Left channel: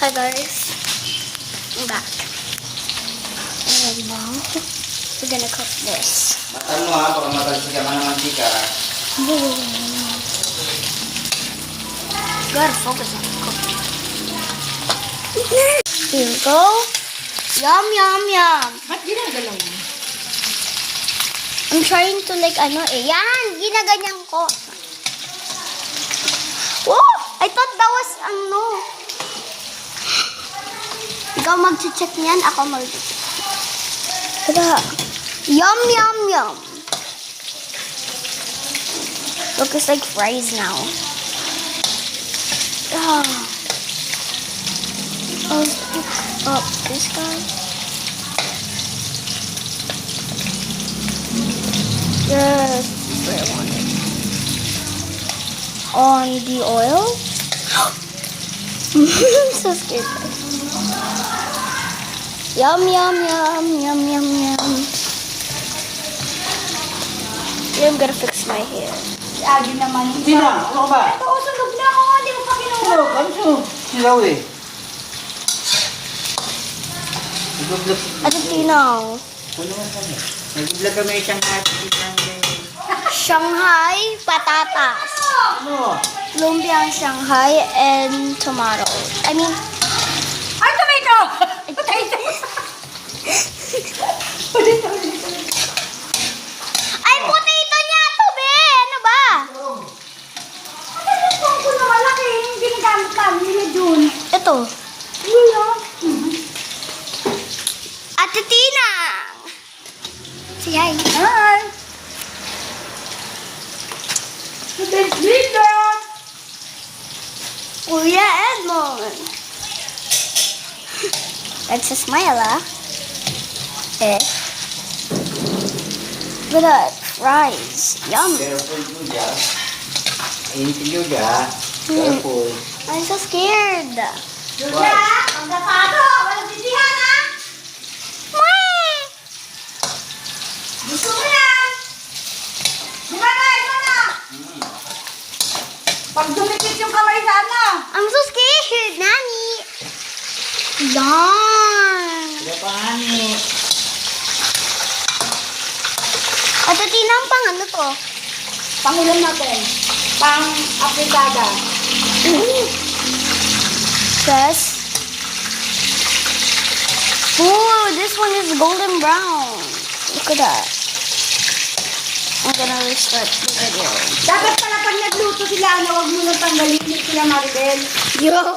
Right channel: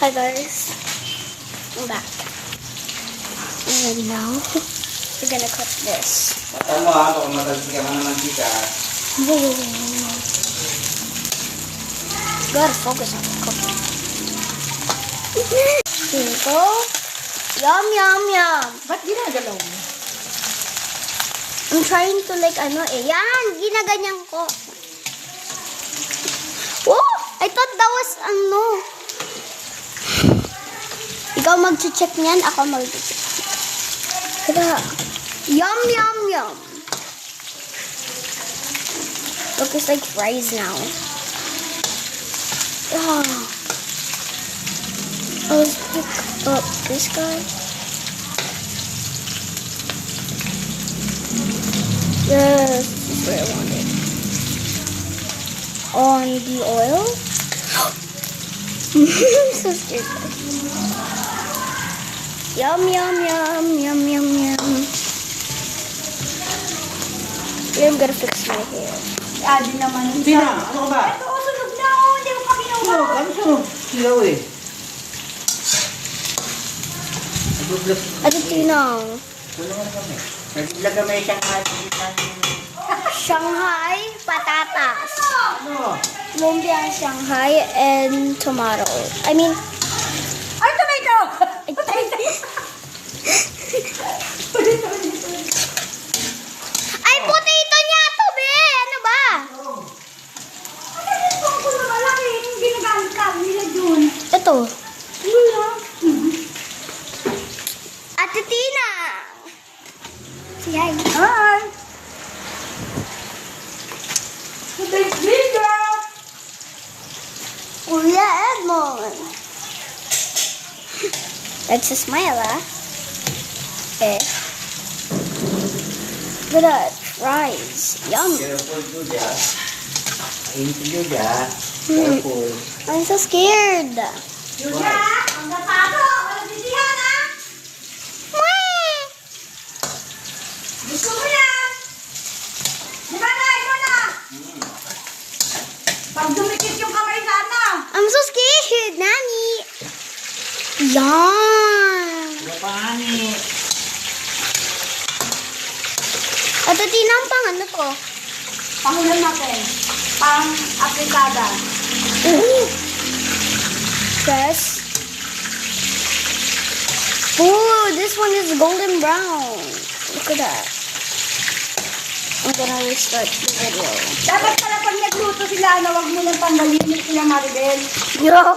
Hi guys, I'm back. And now, we're gonna cook this. Matan mo ha, baka matalsik ka man ng mantika. Gotta focus on the cooking. Here we go. Yum, yum, yum. Ba't ginagalaw mo? I'm trying to like, yan, ginaganyan ko. Oh, I thought that was, Ikaw mag-check niyan, ako mag-check. Tada. Yum, yum, yum. Look, it's like fries now. Let's pick up this guy. Yes, this is what I wanted. On the oil. So scared. Yum, yum, yum, yum, yum, yum. I'm gonna fix my hair. Adi naman. Hindi na, ano ka ba? Ito ko sunog na ako. Hindi mo pa kinuha. Sunog, ano sunog? Silaw eh. Nag-vlog. At tinang. Nag-vlog kami isang Shanghai patatas. Ano? Lumpiang Shanghai and tomato. I mean, Ay, tomato! Potato! ay potato niya to, be! Ano ba? Ano yung pangko na malaki? Hindi nagamit ka. Nila dun. Ito. Nila. Ate Tina. Say hi. Hi! Thanks, Linda! Kuya Edmond. That's a smile, ah. Eh. Look at that. Fries. Yum. Careful, Julia. Ain't Julia. Careful. I'm so scared. Julia, ang dapato! Walang sisihan, ha? Mwah! Gusto mo yan? Di ba na? Ito na! Pag dumikit yung kamay sa ano? I'm so scared, Nani. Yum. Wala pa nga ni. Ate Tina, ang pang ano to? Pangulam natin. Pang apritada. Press. Ooh, this one is golden brown. Look at that. I'm gonna restart the video. Dapat pala pag nagluto sila, huwag mo nang tanggalin sila Maribel. Yo.